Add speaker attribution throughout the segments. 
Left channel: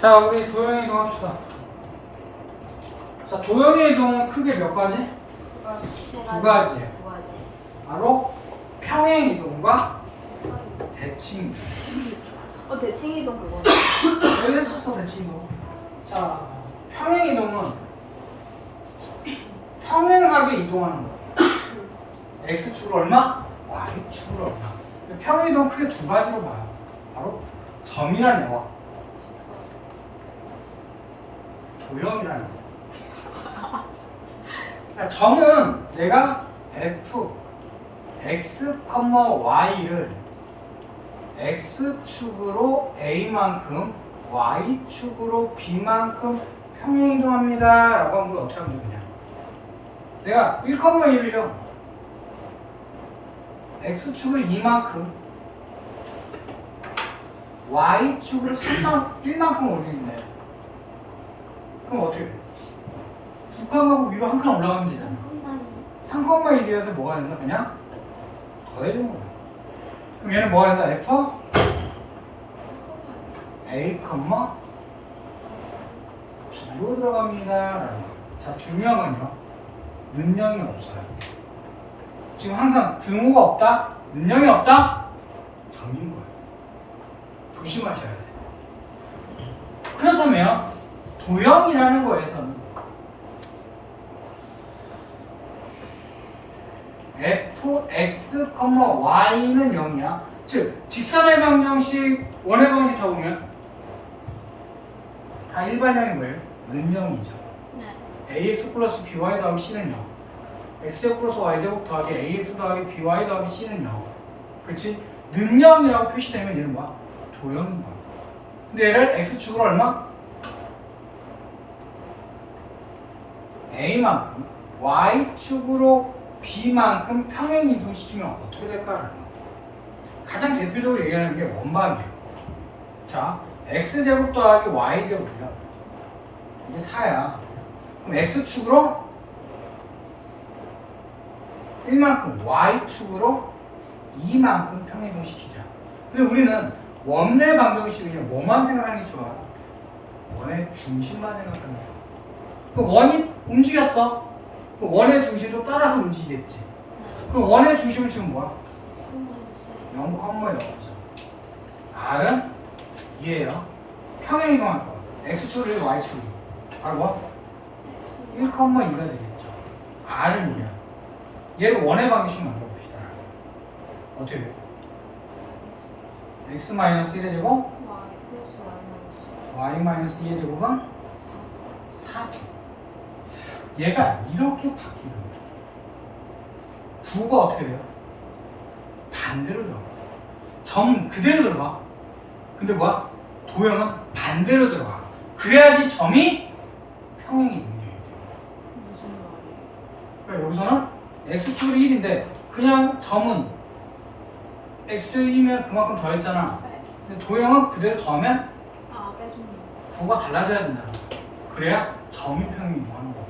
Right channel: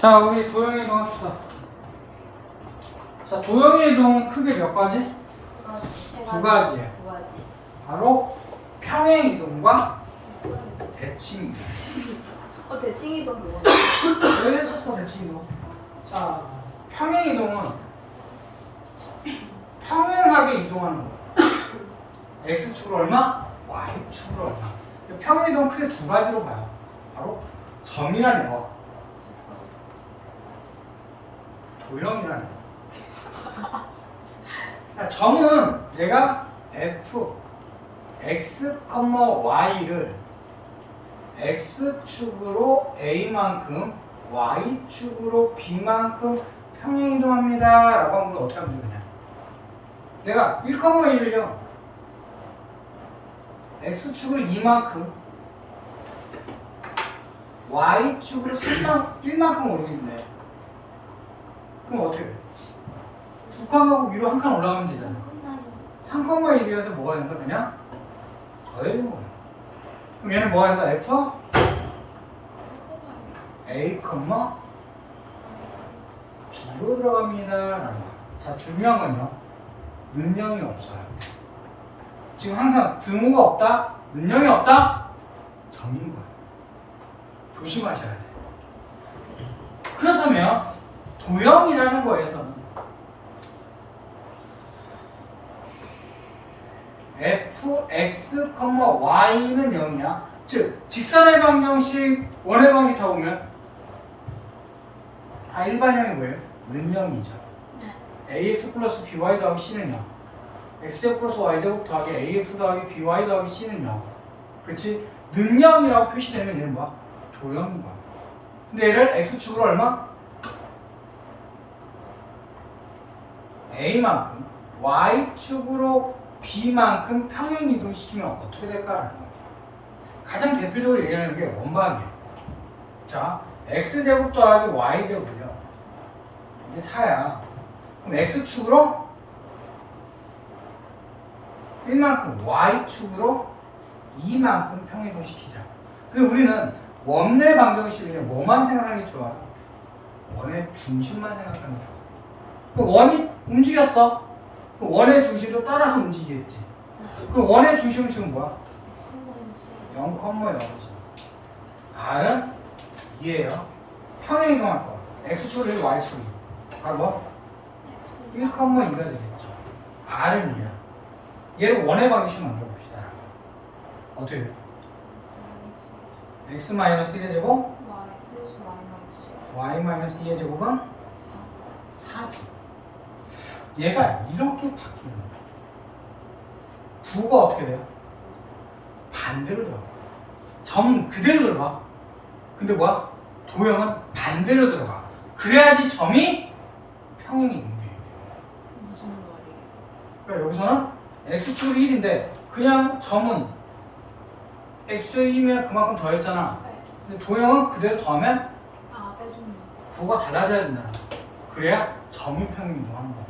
Speaker 1: 자, 우리 도형의 이동 합시다. 자, 도형의 이동 크게 몇 가지? 두 가지예요.
Speaker 2: 두 가지.
Speaker 1: 바로 평행 이동과. 대칭 이동.
Speaker 2: 어 대칭 이동 뭐야?
Speaker 1: 왜 했었어, 대칭 이동? 자, 평행 이동은 평행하게 이동하는 거야. x축으로 얼마? y축으로 얼마. 평행 이동 크게 두 가지로 봐요. 바로 점이라는 애와
Speaker 2: 직선.
Speaker 1: 도형이라는 거. 아, 점은 내가 f x, y를 x축으로 a만큼 y축으로 b만큼 평행 이동합니다. 라고 하면 어떻게 하면 되냐? 내가 1,1을요 x축으로 2만큼 y축으로 3만, 1만큼 올리는데 그럼 어떻게 돼? 두 칸하고 위로 한 칸 올라가면 되잖아.
Speaker 2: 한번
Speaker 1: 3,1이한테 뭐가 된다? 그냥 더해주는 거야. 그럼 얘는 뭐가 된다? f a, b로 들어갑니다. 라는. 자, 중요한 건요. 능력이 없어요. 지금 항상 등호가 없다? 능력이 없다? 점인 거예요. 조심하셔야 돼. 그렇다면 도형이라는 거에서는 f, x, y는 0이야. 즉, 직선의 방정식, 원의 방식 다 보면 다 일반형이 뭐예요? 는영이죠.
Speaker 2: 네.
Speaker 1: ax 플러스 by 더하기 c는 0. x제곱 플러스 y제곱 더하기 ax 더하기 by 더하기 c는 0. 그치? 능형이라고 표시되면 얘는 뭐야? 도형인 거야. 근데 얘를 x축으로 얼마? A만큼 y축으로 b만큼 평행 이동시키면 어떻게 될까라는 거야. 가장 대표적으로 얘기하는 게 원방이에요. 자, x제곱 더하기 y제곱이요. 이게 4야. 그럼 x축으로 1만큼 y축으로 2만큼 평행이동 시키자. 근데 우리는 원의 방정식을 뭐만 생각하는 게 좋아요? 원의 중심만 생각하는 게 좋아. 그 원이 움직였어. 그 원의 중심도 따라서 움직이겠지. 그 원의 중심은 지금 뭐야?
Speaker 2: x 마이너스
Speaker 1: 0,0죠. R은 2예요. 평행 이동할 거. 해도 Y축이. 바로 뭐? 1,2가 되겠죠. R은 2야. 얘를 원의 방식 만들어 봅시다. 어떻게 해요? X 마이너스 1의 제곱,
Speaker 2: y 플러스 마이너스
Speaker 1: Y 마이너스 2의 제곱은 4지. 얘가 이렇게 바뀌는 거야. 부가 어떻게 돼요? 반대로 들어가. 점 그대로 들어가. 근데 뭐야? 도형은 반대로 들어가. 그래야지 점이 평행이 문제예요.
Speaker 2: 무슨 말이에요?
Speaker 1: 그러니까 여기서는 x축으로 1인데 그냥 점은 x축 1이면 그만큼 더했잖아.
Speaker 2: 네.
Speaker 1: 근데 도형은 그대로 더하면
Speaker 2: 아 빼주네요.
Speaker 1: 부가 달라져야 된다. 그래야 점이 평행이 동하는 거야.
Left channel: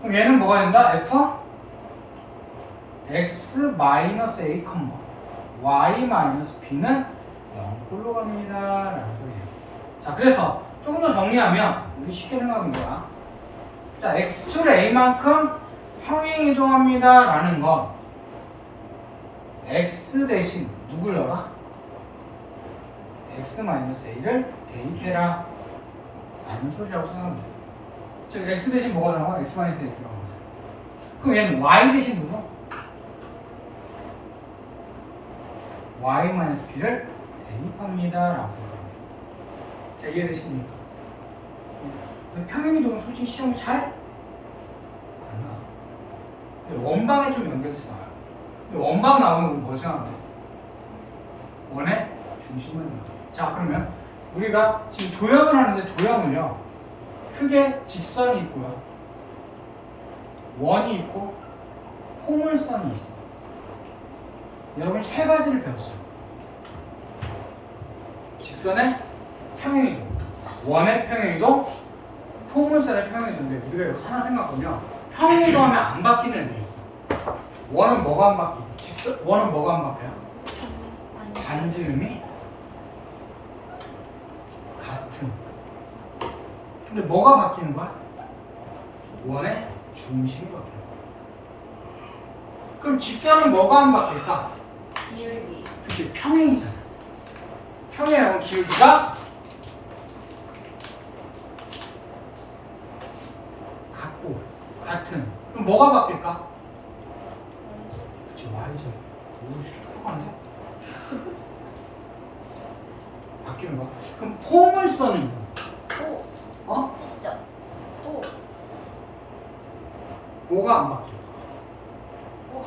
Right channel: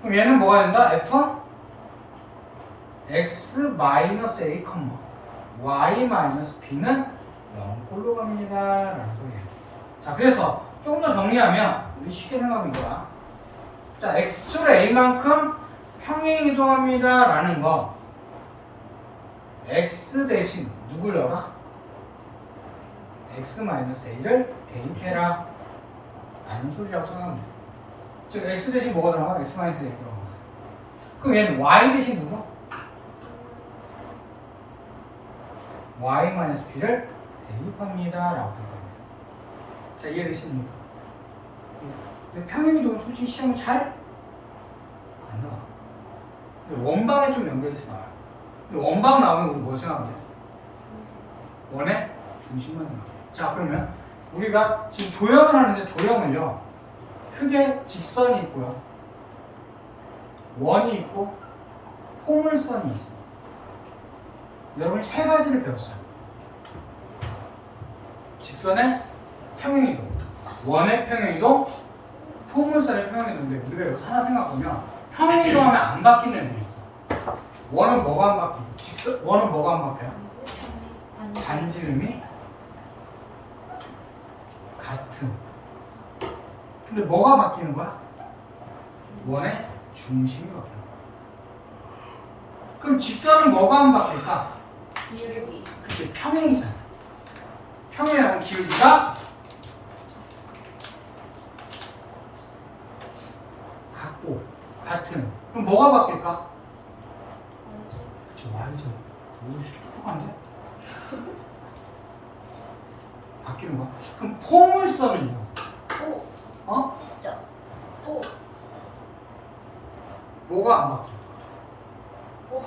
Speaker 1: 그럼 얘는 뭐가 된다? f x 마이너스 a, y 마이너스 b는 0꼴로 갑니다. 라는 소리예요. 자, 그래서 조금 더 정리하면 우리 쉽게 생각하면 돼요. 자, x축으로 a만큼 평행 이동합니다. 라는 건 x 대신 누굴 넣어라? x 마이너스 a를 대입해라. 라는 소리라고 돼 요. 즉, x 대신 뭐가 들어가? x 마이너스 a 들어가죠. 그럼 얘는 y 대신 누구? y 마이너스 b를 대입합니다. 라고 생각합니다. 자, 이해되십니까? 평행이동은 솔직히 시험 잘안 나와. 근데 원방에 좀 연결돼서 나와요. 근데 원방 나오면 우리 뭘 생각하면 돼? 원의 중심만 생각해. 자, 그러면 우리가 지금 도형을 하는데 도형은요, 크게 직선이 있고요, 원이 있고, 포물선이 있어. 여러분 세 가지를 배웠어요. 직선의 평행이동, 원의 평행이동, 포물선의 평행이동인데 우리가 하나 생각하면 평행이동하면 안 바뀌는 애들이 있어. 원은 뭐가 안 바뀌? 직선 원은 뭐가 안 바뀌어요?
Speaker 2: 반
Speaker 1: 반지름이 같은 근데 뭐가 바뀌는 거야? 원의 중심이 바뀌는 거야. 그럼 직선은 뭐가 안 바뀔까?
Speaker 2: 기울기.
Speaker 1: 그치 평행이잖아. 평행하고 기울기가 같고 같은. 그럼 뭐가 바뀔까? 그치 y죠. 오, 씨, 똑똑한데? 바뀌는 거야. 그럼 포물선은요?
Speaker 2: 오.
Speaker 1: 어?
Speaker 2: 진짜. 오.
Speaker 1: 뭐가 안 바뀌어?
Speaker 2: 오.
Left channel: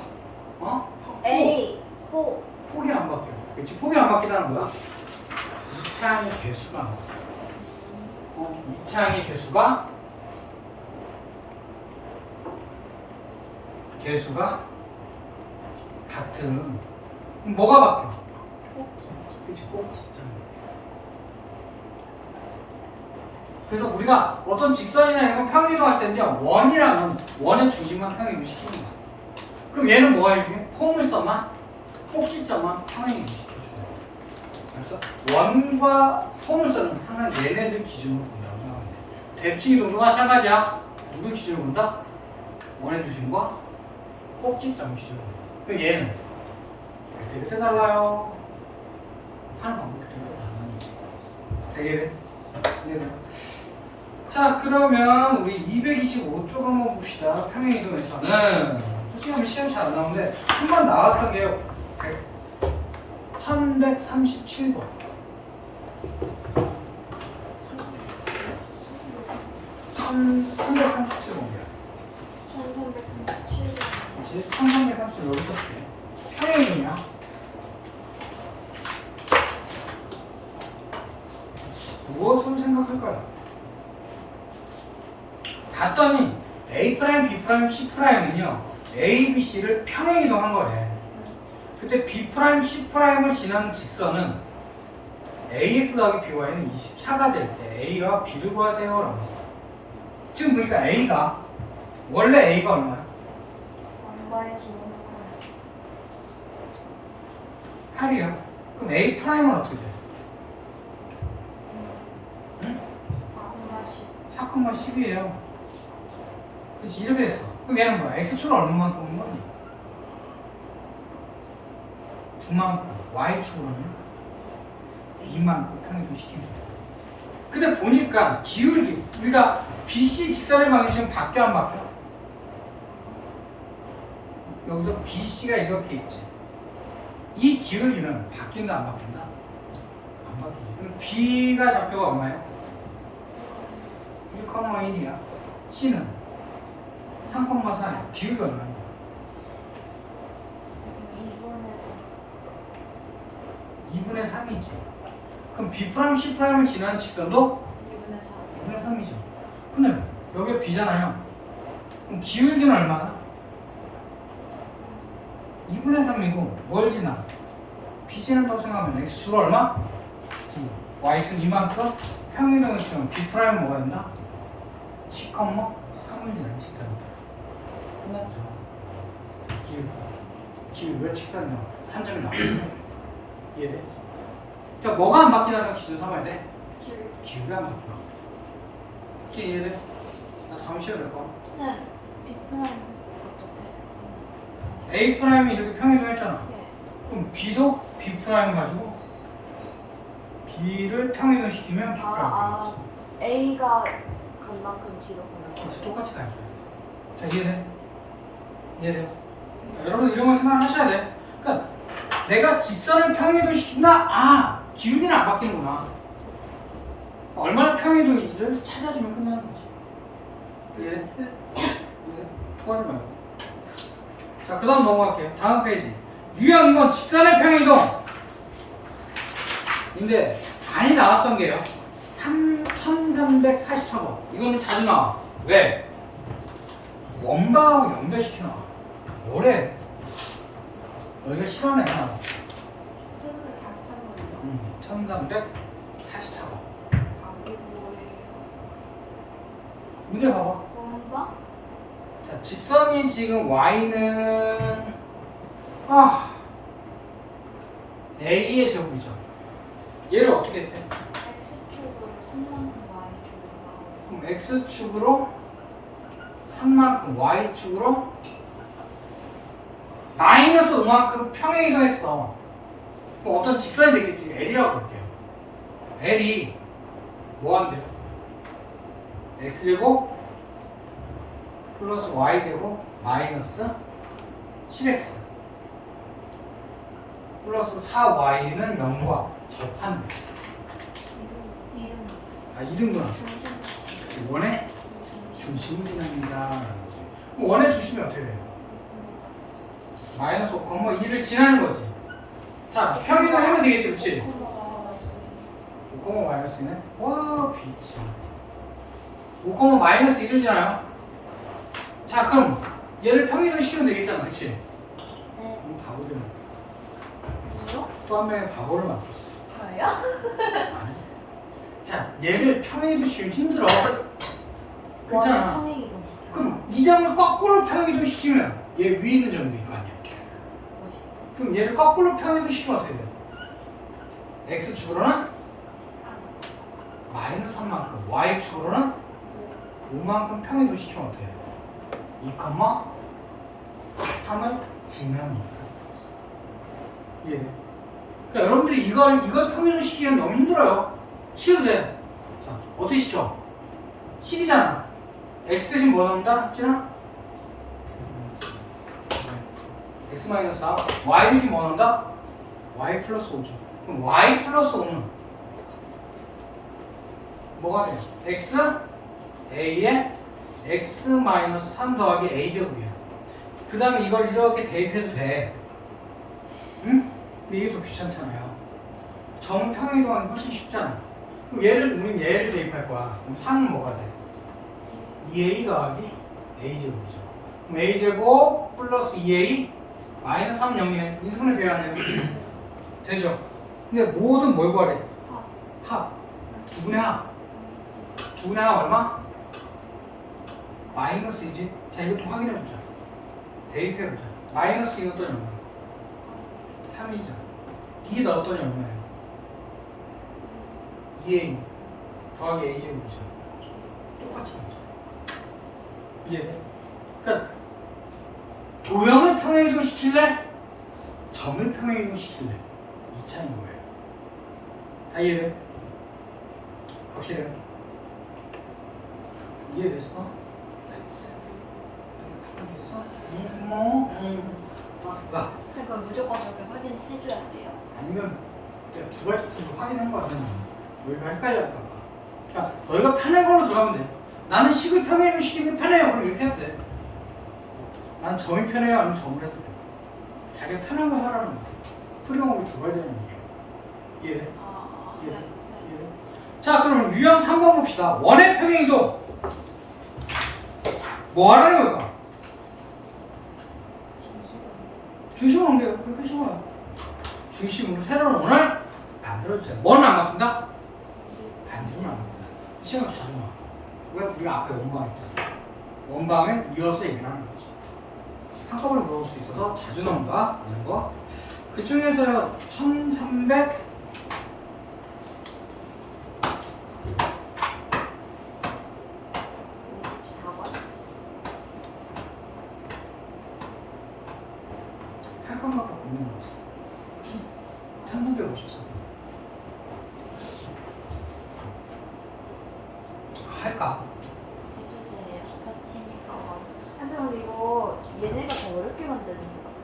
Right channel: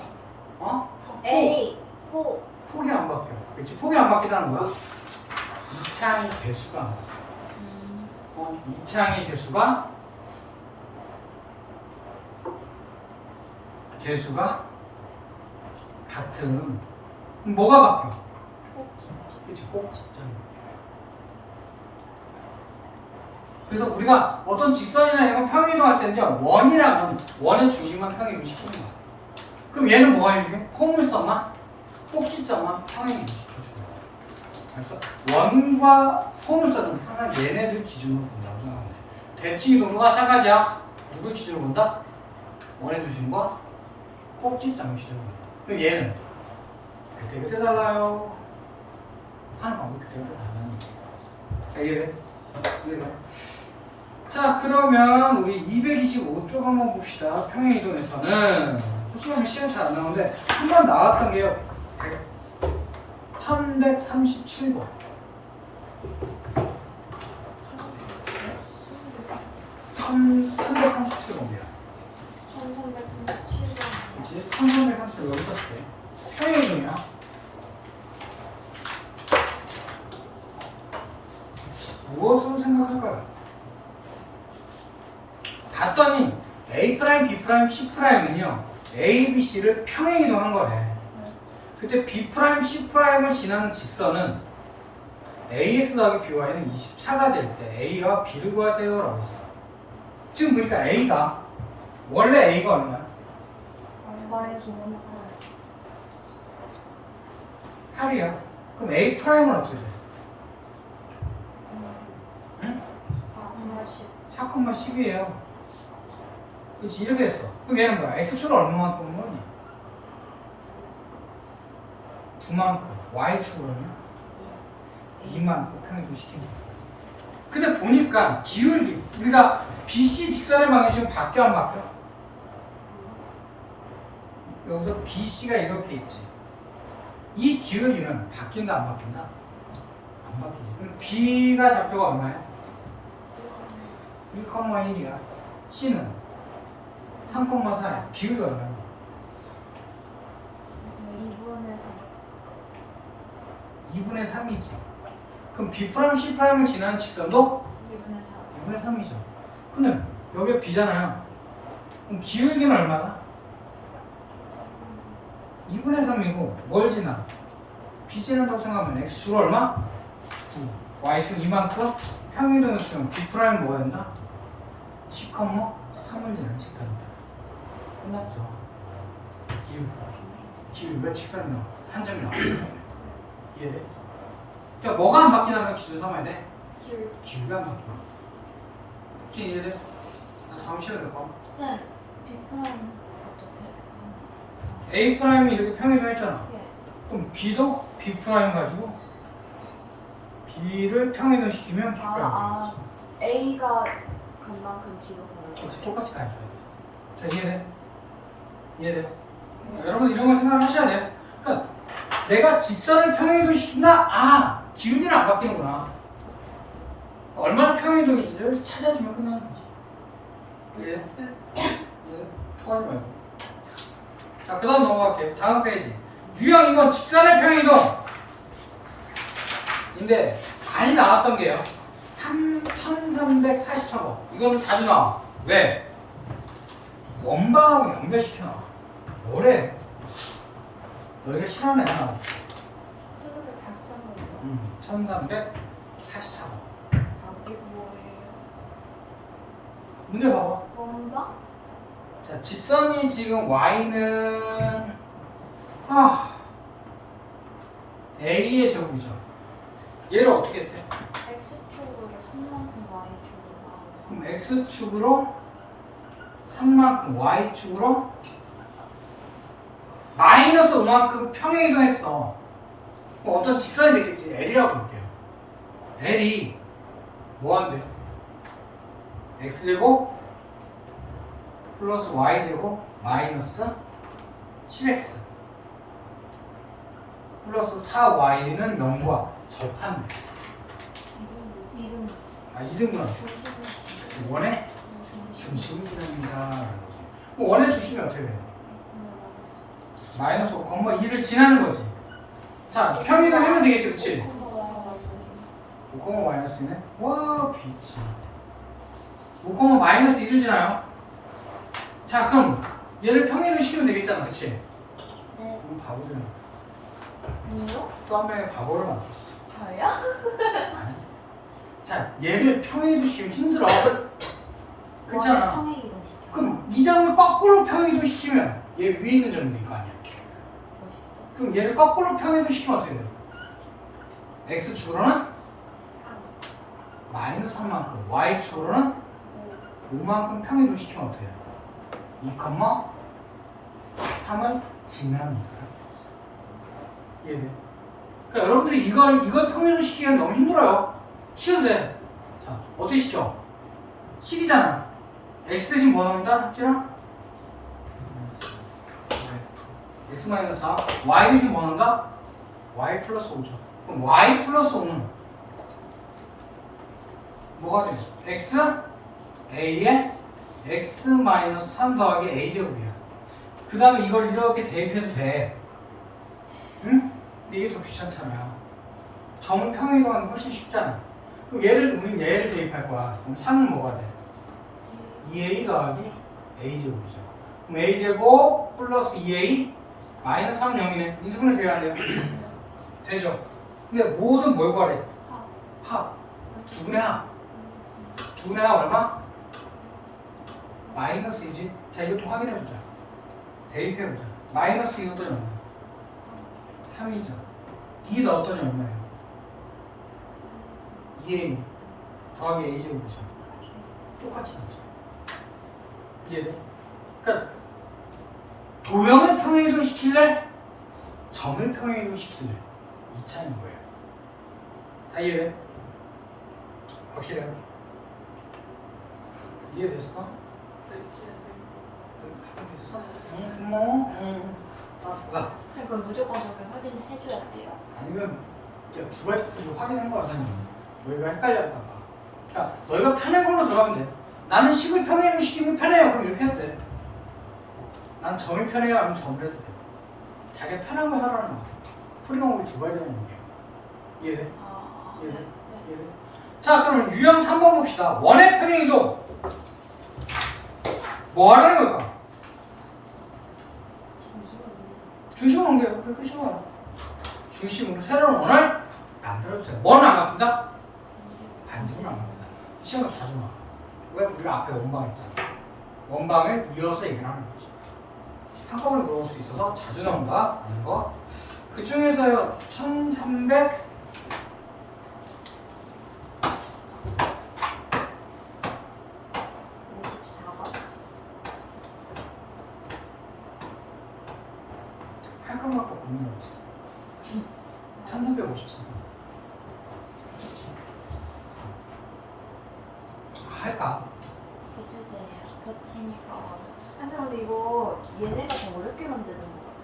Speaker 1: 어?
Speaker 2: A. 포.
Speaker 1: 폭이 안 바뀌어. 그치 폭이 안 바뀌다는 거야? 이창의 개수가 안 바뀌어.
Speaker 2: 음.
Speaker 1: 어, 이창의 개수가 개수가 같은 뭐가 바뀌어? 그치 꼭 진짜 그래서 우리가 어떤 직선이나 이런 걸 평행이동할 때 이제 원이랑 원, 원의 중심만 평행이동 시키는 거야 그럼 얘는 뭐가 이렇게 포물선만 꼭지점만 평행이동 시켜주는 거야 그래서 원과 포물선은 항상 얘네들 기준으로 본다고 생각하면 돼. 대칭 동도가 마찬가지야. 누굴 기준으로 본다? 원의 중심과 꼭지점을 기준으로 본다. 그럼 얘는 그때 그때 달라요. 하는 방법이 그때 그때 다른 거지. 자, 이해돼? 이해돼? 자, 그러면 우리 225쪽 한번 봅시다. 평행이동에서는 솔직히 하면 시험 잘 안 나오는데 한 번 나왔던 게요. 1137번. 한 337번이야.
Speaker 2: 1337번.
Speaker 1: 그치? 1337 여기 썼대. 평행이냐? 무엇으로 생각할까요? 봤더니 A 프라임, B 프라임, C 프라임은요 A, B, C를 평행 이동한 거래. 그때 B 프라임, C 프라임을 지나는 직선은 AX 더하기 BY는 24가 될 때 A와 B를 구하세요 라고 했어. 지금 보니까 A가 원래 A가 얼마야?
Speaker 2: 5
Speaker 1: 8이야. 그럼 A 프라임은 어떻게 돼? 응?
Speaker 2: 4,10.
Speaker 1: 4,10이에요. 그렇지 이렇게 됐어. 그럼 얘는 뭐야? X축을 얼마만큼 거니? 9만큼. Y축으로는 2만큼 평행도 시키는 거야. 근데 보니까 기울기 우리가 BC 직선의 방향식은 바뀌어 안 바뀌어? 여기서 BC가 이렇게 있지. 이 기울기는 바뀐다 안 바뀐다? 안 바뀌지. 그럼 B가 좌표가 얼마야? 1,1이야. C는 3,4야. 기울기 얼마냐?
Speaker 2: 2분에서
Speaker 1: 2분의 3이지. 그럼 B 프라임 C 프라임을 지나는 직선도
Speaker 2: 2분의 4.
Speaker 1: 2분의 3이죠. 근데 여기가 B잖아요. 그럼 기울기는 얼마나? 2분의 3이고 뭘 지나? B 지난다고 생각하면 X축 얼마? 9. Y축 이만큼 평행이동을 치면 B 프라임 뭐가 된다? 10, 3을 지나는 직선이다. 끝났죠. 기울기. 기울기 왜 직선이 나와? 한 점이. 이해돼? 자, 뭐가 안 바뀌나는 기준 삼아야 돼?
Speaker 2: 기울기.
Speaker 1: 기울기 안 바뀌나? 혹시 이해돼? 나 다음 시간에 될 거야.
Speaker 2: 네. B 프라임 어떻게?
Speaker 1: A 프라임이 이렇게 평행이동 했잖아.
Speaker 2: 예.
Speaker 1: 그럼 B도 B 프라임 가지고 B를 평행이동 시키면 B
Speaker 2: 아,
Speaker 1: 프라임
Speaker 2: 아.
Speaker 1: 되겠지.
Speaker 2: A가 간 만큼 B도 가는 거.
Speaker 1: 똑같이 가줘야 돼. 자, 이해돼? 이해돼? 자, 여러분 이런 거 생각을 하셔야 돼. 그러니까 내가 직선을 평행이동 시킨다? 아, 기울기는 안 바뀌는구나. 얼마나 평행이동인지를 찾아주면 끝나는 거지. 이해돼? 이해돼? 토하지 말고. 자, 그 다음 넘어갈게요. 다음 페이지. 유형 이건 직선의 평행이동. 인데 많이 나왔던 게요. 3344번. 이거는 자주 나와. 왜? 원방하고 연결시켜 나와. 뭐래? 여기가 실험에 나와.
Speaker 2: 1343번이요.
Speaker 1: 음, 1344번.
Speaker 2: 답이 뭐예요?
Speaker 1: 문제 봐봐.
Speaker 2: 원바?
Speaker 1: 자, 직선이 지금 y는 아 a의 제곱이죠. 얘를 어떻게 했대?
Speaker 2: X축을 3만큼 Y축으로
Speaker 1: 그럼 x축으로 3만큼 y축으로 마이너스 5만큼 평행 이동했어. 그럼 어떤 직선이 됐겠지? L이라고 볼게요. L이 뭐 한대요? x제곱 플러스 y제곱 마이너스 10x 플러스 4y는 0과 접한대.
Speaker 2: 이름
Speaker 1: 아, 이등분
Speaker 2: 중심을
Speaker 1: 원의. 그럼 원의 중심이 어떻게 돼요? 마이너스 5,2를 지나는 거지. 자, 평이동 하면 되겠지, 그치? 5, 마이너스네. 와, 비참. 5, 마이너스 2를 지나요. 자, 그럼 얘를 평이동 시키면 되겠잖아, 그치?
Speaker 2: 네.
Speaker 1: 그럼 바보 되는 거야.
Speaker 2: 뭐요?
Speaker 1: 또 한 명의 바보를 만들었어.
Speaker 2: 저요?
Speaker 1: 아니. 자, 얘를 평이동 시키면 힘들어. 그렇잖아.
Speaker 2: 평행 이동
Speaker 1: 그럼 이 점을 거꾸로 평이동 시키면 얘 위에 있는 될거 아니야. 그럼 얘를 거꾸로 평이동 시키면 어떻게 돼? x 축으로는 마이너스 3만큼, y 축으로는 5만큼 평이동 시키면 어떻게 돼? 2, 3을 지납니다. 이해돼? 그러니까 여러분들이 이걸 이걸 평이동 시키기가 너무 힘들어요. 쉬어도 돼. 자, 어떻게 시켜? 식이잖아. x 대신 뭐 나온다? 찌나? X 마이너스 4 y 대신 뭐 나온다? y 플러스 5죠 그럼 y 플러스 5는 뭐가 돼? x a에 x 마이너스 3 더하기 a 제곱이야 그 다음에 이걸 이렇게 대입해도 돼 응? 근데 이게 더 귀찮잖아요 평행이동하는 게 훨씬 쉽잖아 그럼 얘를 우리는 얘를 대입할 거야 그럼 3은 뭐가 돼? 2a 더하기 a 제곱이죠. 그럼 a 제곱 플러스 2a 마이너스 3 0이네. 이 수분의 계가 안 돼요? 되죠? 근데 모든 뭘 구하래? 합. 두 분의 합. 두 분의 합 얼마? 마이너스이지. 자 이것도 확인해 보자. 대입해 보자. 마이너스 이것도 얼마? 3이죠. 이게 넣었더니 얼마예요? 2a 더하기 a 제곱이죠. 똑같이 나오죠. 이해돼? 그러니까 도형을 평행이동 시킬래? 점을 평행이동 시킬래? 이 차이인 거예요. 다 이해돼? 확실해? 이해됐어? 됐어? 응, 뭐? 응. 봤어. 아,
Speaker 2: 선생님 그럼 무조건 저렇게 확인해줘야 돼요?
Speaker 1: 아니면 이제 두 가지 풀로 확인한 거야, 선생님. 너희가 헷갈릴까봐. 그러니까 너희가 편한 걸로 들어가면 돼. 나는 식을 시키는 게 편해요. 그럼 이렇게 해도 돼. 난 점이 편해요. 아니면 점을 해도 돼. 자기가 편한 거 하라는 거야. 풀이 방법이 두 가지라는 얘기야. 이해돼?
Speaker 2: 아,
Speaker 1: 예.
Speaker 2: 네. 네.
Speaker 1: 이해돼? 자, 그러면 유형 3번 봅시다. 원의 평행이동. 뭐 하라는 걸까? 중심을 옮겨요. 그게 쉬워요. 중심으로 새로운 원을 만들어주세요. 뭐는 안 바뀐다? 반지는 안 바뀐다. 시험에 자주 나와. 왜 우리가 앞에 원방 했잖아. 원방을 이어서 얘기를 하는 거지. 한꺼번에 넣을 수 있어서 자주 나온다. 이런 거. 그 중에서 1300
Speaker 2: 54번.
Speaker 1: 할까 말까 고민하고 있어. 1354. 할까?
Speaker 2: 해주세요. 같이니까. 한명 이거 얘네가 더 어렵게 만드는 거 같아.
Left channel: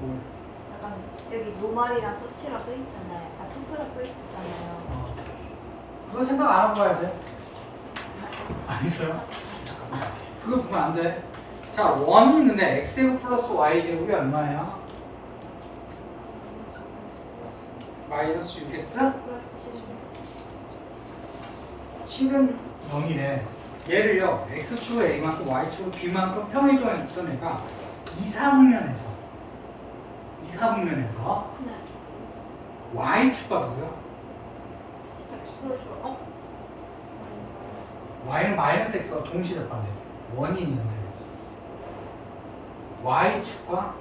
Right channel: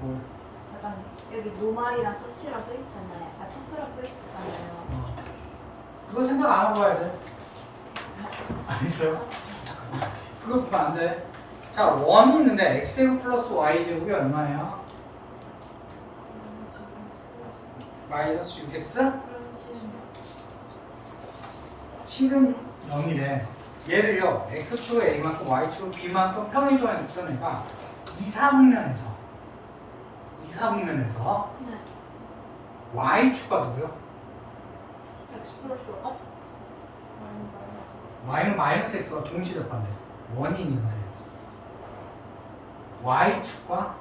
Speaker 1: 뭘?
Speaker 2: 약간 여기 노말이랑 터치라 써 있잖아요. 아 투표라 써 있잖아요.
Speaker 1: 어. 그거 생각 안 하고 가야 돼. 알겠어요? 잠깐만. 그거 보면 안 돼. 자, 원이 있는데 x제곱 플러스 y제곱이 얼마예요? 마이너스 6x?
Speaker 2: 플러스 70.
Speaker 1: 7은 0이래. 얘를요, x축으로 a만큼 y축으로 b만큼 평행조에 있던 애가 2, 4분면에서 2, 4분면에서
Speaker 2: 네.
Speaker 1: y축과 누구요?
Speaker 2: 어?
Speaker 1: y는 마이너스 x가 동시에 접한대. 원이 있는데. y축과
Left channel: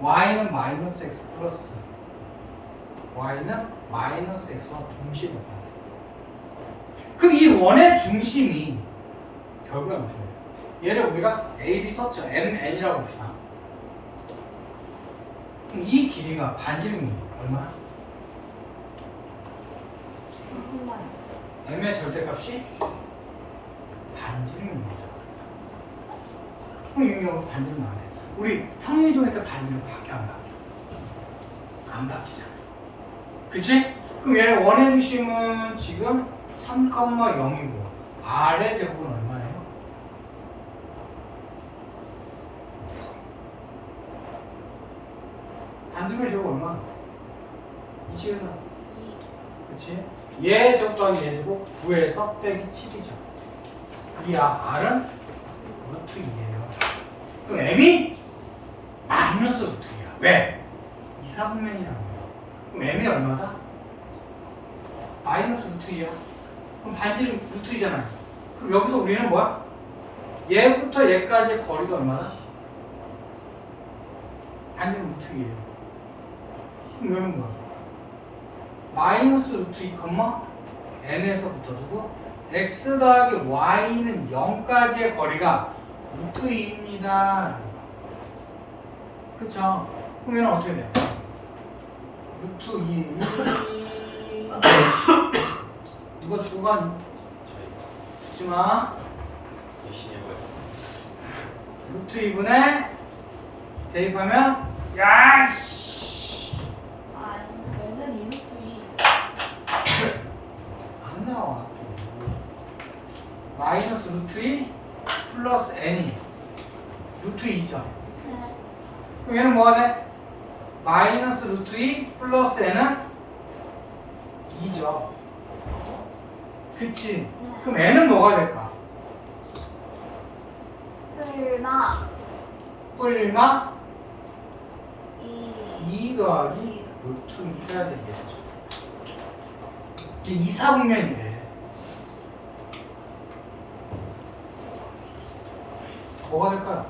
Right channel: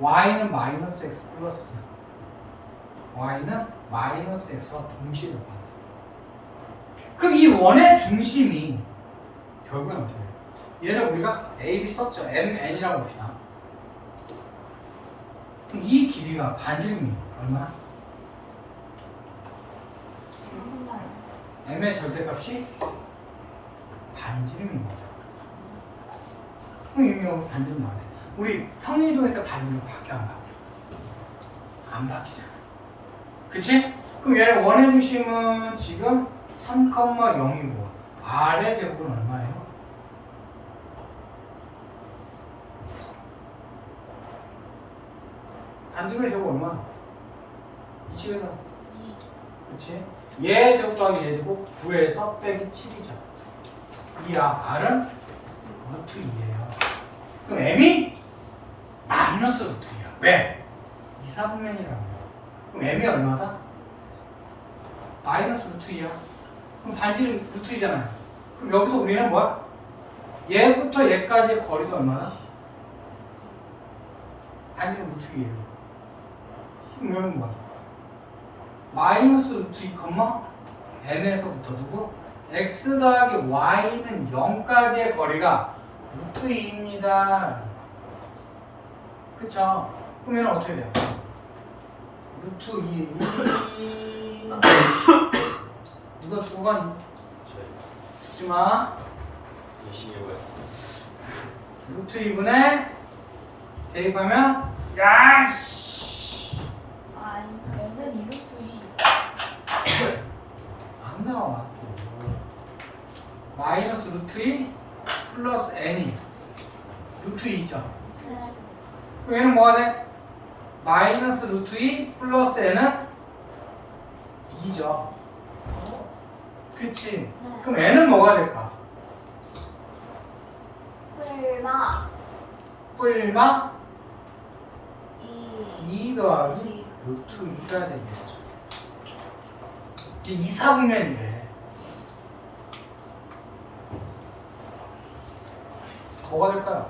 Speaker 1: y는 마이너스 x 플러스 y는 마이너스 x와 동시에 접한대. 그럼 이 원의 중심이 결국은 어떻게 돼요? 얘를 우리가 A, B 썼죠. M, N이라고 봅시다. 그럼 이 길이가 반지름이 얼마?
Speaker 2: 정말.
Speaker 1: M의 절대값이 반지름인 거죠. 그럼 반지름 나네. 우리 평이동일 때 반지름 바뀌어 안 바뀌어? 안 바뀌잖아. 그치? 그럼 얘는 원의 중심은 지금 3,0이고 R의 제곱은 얼마예요? 반지름의 제곱 얼마? 이 집에서 그치? 얘 제곱 더하기 얘 제곱 9에서 빼기 7이죠. 이 아, R은 루트 2예요. 그럼 M이 마이너스 루트 2야. 왜? 이사분면이라고. 그럼 M이 얼마다? 마이너스 루트 2야. 그럼 반지름 루트 2잖아요. 그럼 여기서 우리는 뭐야? 얘부터 얘까지의 거리가 얼마다? 반지름 루트 2예요. 그럼 여기는 뭐야? 마이너스 루트 2, n에서부터 누구? x 더하기 y는 0까지의 거리가 루트 2입니다. 그쵸? 얘는 어떻게 돼요? 루트 2, 루트 2 누가 죽어가니? 죽지마
Speaker 3: 열심히 해보겠습니다.
Speaker 1: 루트 2분의 대입하면 야이씨
Speaker 2: 아니.
Speaker 4: 얘는 이루트이
Speaker 1: 안 나와 마이너스 루트 2 플러스 n이 루트 2죠
Speaker 2: 네.
Speaker 1: 그럼 얘는 뭐가 돼? 마이너스 루트 2 플러스 n은 2죠 그치
Speaker 2: 네.
Speaker 1: 그럼 n은 뭐가 될까?
Speaker 2: 설마
Speaker 1: 뿔마 이2 더하기 루트 2가 되겠죠 이게 이사분면이래 뭐가 될까요?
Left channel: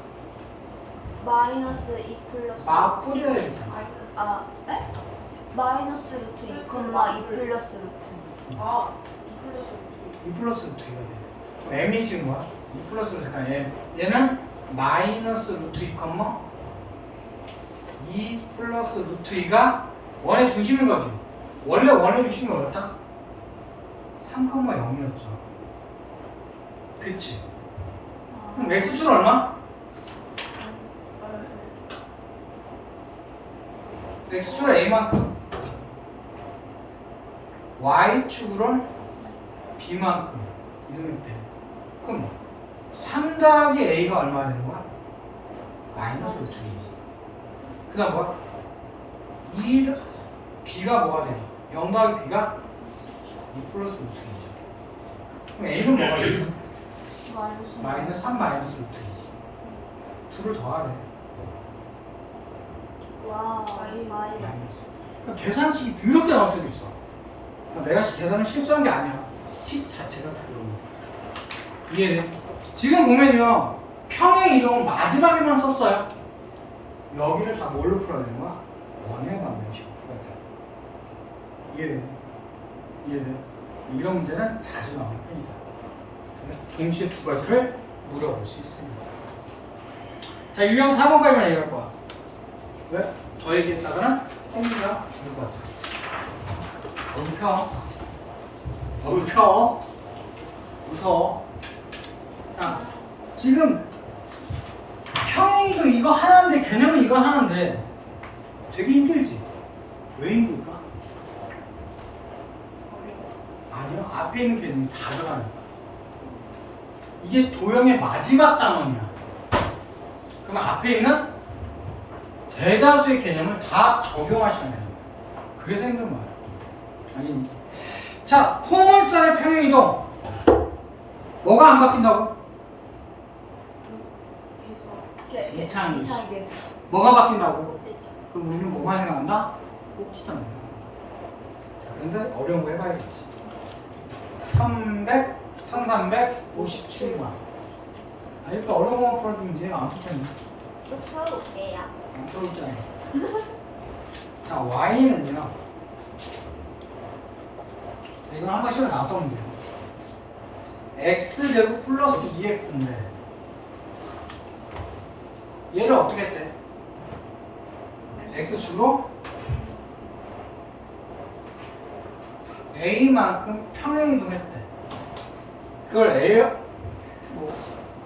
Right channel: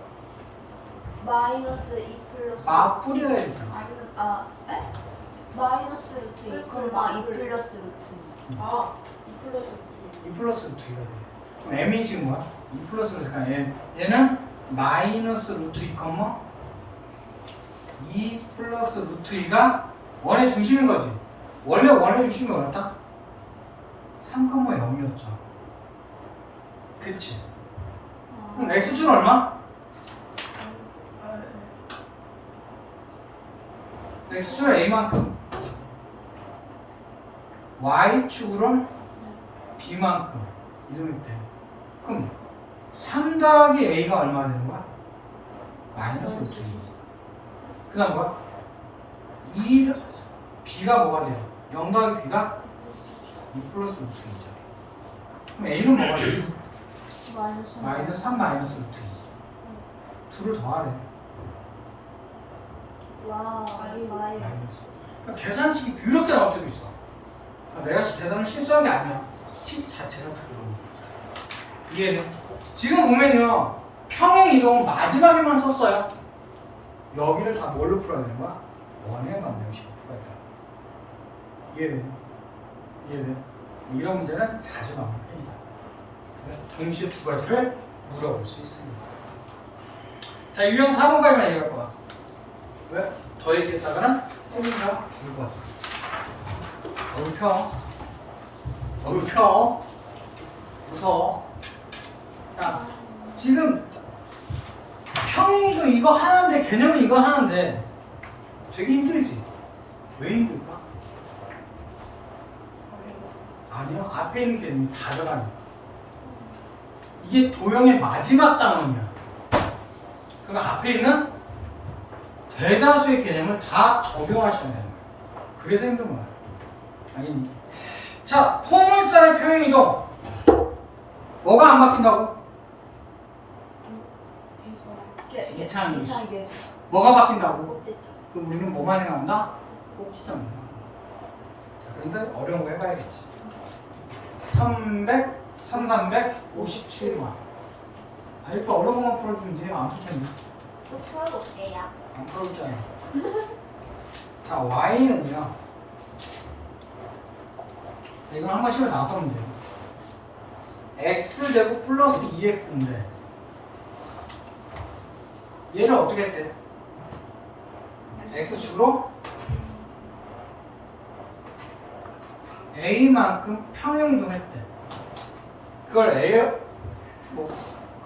Speaker 2: 마이너스 2 플러스
Speaker 1: 맞뿌려야 되잖아
Speaker 2: 아, 에? 마이너스 루트 2, 콤마 2 플러스 루트 2.
Speaker 4: 아, 이 플러스
Speaker 1: 2 플러스 루트 2가 돼 m이 지금 뭐야? 2 플러스 루트 그러니까 얘, 얘는 마이너스 루트 2 컴마 2 플러스 루트 2가 원의 중심인 거지 원래 원의 중심이 뭐였다? 3 컴마 0이었죠 그치 그럼 x축은 얼마? x축은 a만큼 y축으로는 b만큼 이러면 돼 그럼 3 더하기 a가 얼마 되는 거야? 마이너스 루트 2. 그 다음 뭐야? 2 b가 뭐가 돼? 0 더하기 b가 2 플러스 루트 2죠 그럼 a는 뭐가 되죠?
Speaker 2: 마이너스
Speaker 1: 마이너스 3 마이너스 루트 2지. 둘을 더하래.
Speaker 2: 와, 마이너스.
Speaker 1: 마이너스. 그럼 계산식이 더럽게 나올 때도 있어. 그러니까 내가 계산을 실수한 게 아니야. 식 자체가 더러운 거야. 이해돼? 지금 보면요. 평행 이동 마지막에만 썼어요. 여기를 다 뭘로 풀어야 되는 거야? 원의 방정식으로 풀어야 돼. 이해돼? 이해돼? 이런 문제는 자주 나오는 편이다 동시에 두 가지를 물어볼 수 있습니다 자 유형 4번까지만 얘기할 거야 왜? 더 얘기했다가는 죽을 것 같아. 너무 펴. 너무 펴. 웃어. 자, 지금 평행이도 이거 하나인데 개념은 이거 하나인데 되게 힘들지? 왜 힘들까? 아니요. 앞에 있는 개념이 다 들어가니까. 이게 도형의 마지막 단원이야. 그럼 앞에 있는 대다수의 개념을 다 적용하셔야 거예요. 그래서 힘든 거예요. 아니니. 자, 포물선의 평행 이동. 뭐가 안 바뀐다고? 이창이. 뭐가 바뀐다고? 그럼 우리는 뭐만 생각한다? 꼭지점만 생각한다. 자, 그런데 어려운 거 해봐야겠지. 1100, 1357번. 아, 이렇게 어려운 거만 풀어주면 니네가 안 풀겠네.
Speaker 2: 또 풀어볼게요.
Speaker 1: 안 풀었잖아. 자, y는요. 자, 이건 한번 시험에 나왔던 문제예요. x제곱 플러스 2x인데 얘를 어떻게 했대? x 주로 a만큼 평행이동했대. 그걸 a 뭐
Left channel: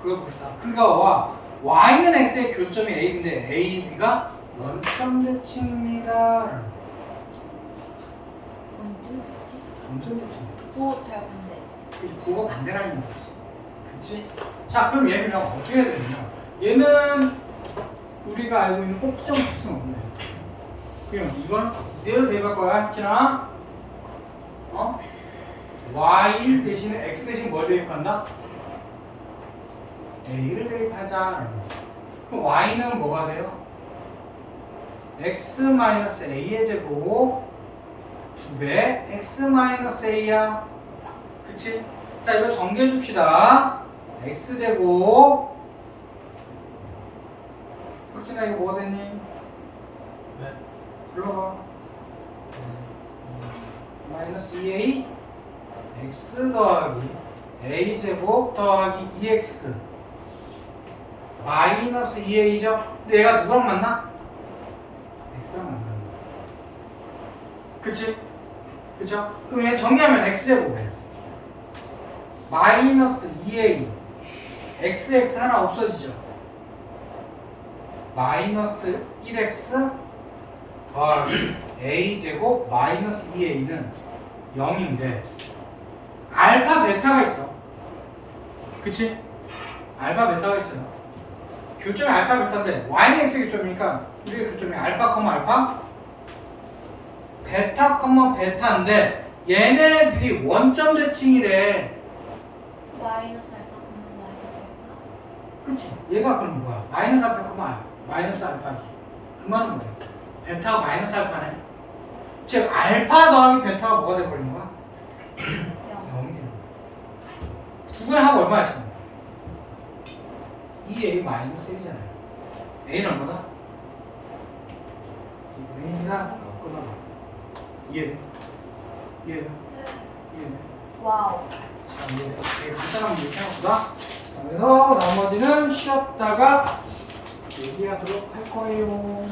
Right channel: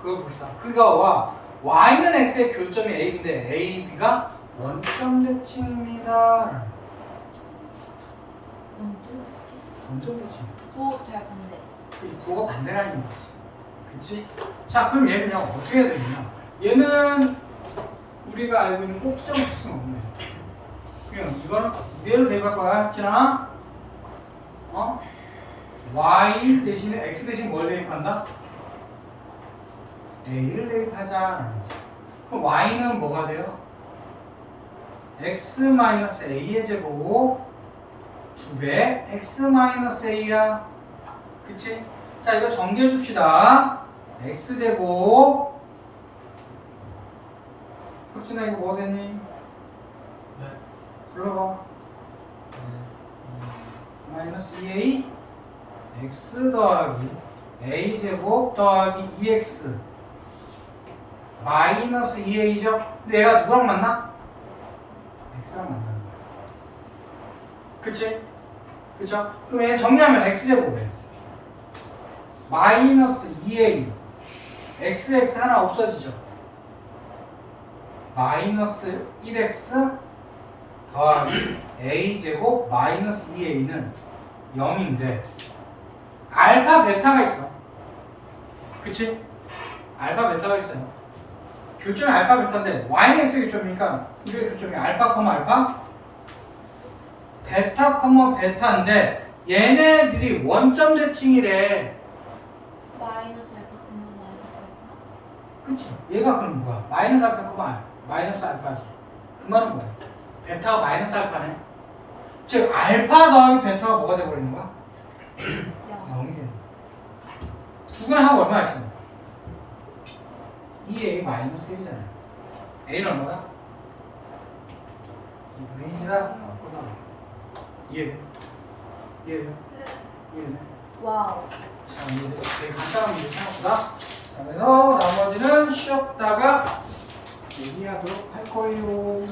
Speaker 1: 그걸 봅시다. 그거와 y는 x의 교점이 a인데 a, b가 원점 대칭입니다. 원점 대칭.
Speaker 2: 구잘 반대.
Speaker 1: 이 구가 반대라는 얘기지. 그치? 자, 그럼 얘는요, 어떻게 해야 되느냐? 얘는 우리가 알고 있는 꼭지점 수는 없네. 그냥 이건 이대로 대입할 거야, 했잖아? 어? Y 대신에 x 대신 뭘 대입한다? a를 대입하자. 그럼 y는 뭐가 돼요? x 마이너스 a의 제곱 2배 x 마이너스 a야. 그치? 자, 이거 정리해 줍시다. x제곱. 흑진아, 이거 뭐 되니?
Speaker 3: 네.
Speaker 1: 불러봐. 마이너스 2a. X 더하기 a제곱 더하기 2x. 마이너스 2a죠? 근데 얘가 누구랑 만나? x랑 만나는 거야. 그치? 그쵸? 그럼 얘 정리하면 x제곱이에요. 마이너스 2a xx 하나 없어지죠 마이너스 1x 더하기 a제곱 마이너스 2a는 0인데 알파 베타가 있어 그치? 알파 베타가 있어요 교점이 알파 베타인데 y는 x 교점이니까 우리가 교점이 알파 컴마 알파 베타 컴마 베타인데 얘네들이 원점 대칭이래
Speaker 2: 마이너스 알파 마이너스 알파.
Speaker 1: 그치? 얘가 그럼 뭐야? 마이너스 알파 그만 마이너스 알파지. 그 말은 뭐야? 베타가 마이너스 알파네. 즉 알파 더하기 베타가 뭐가 돼버리는 거야?
Speaker 2: 영.
Speaker 1: 0이 되는 거야. 두 개를 하고 얼마야 지금? 2a 마이너스 1이잖아요. a는 얼마다? 2분의 1이다. 어, 끊어봐. 이해돼? 이해돼요? 이해돼?
Speaker 2: 와우.
Speaker 1: 자, 이제 되게 간단한 문제 생각보다. 그래서 나머지는 쉬었다가 얘기하도록 할 거예요.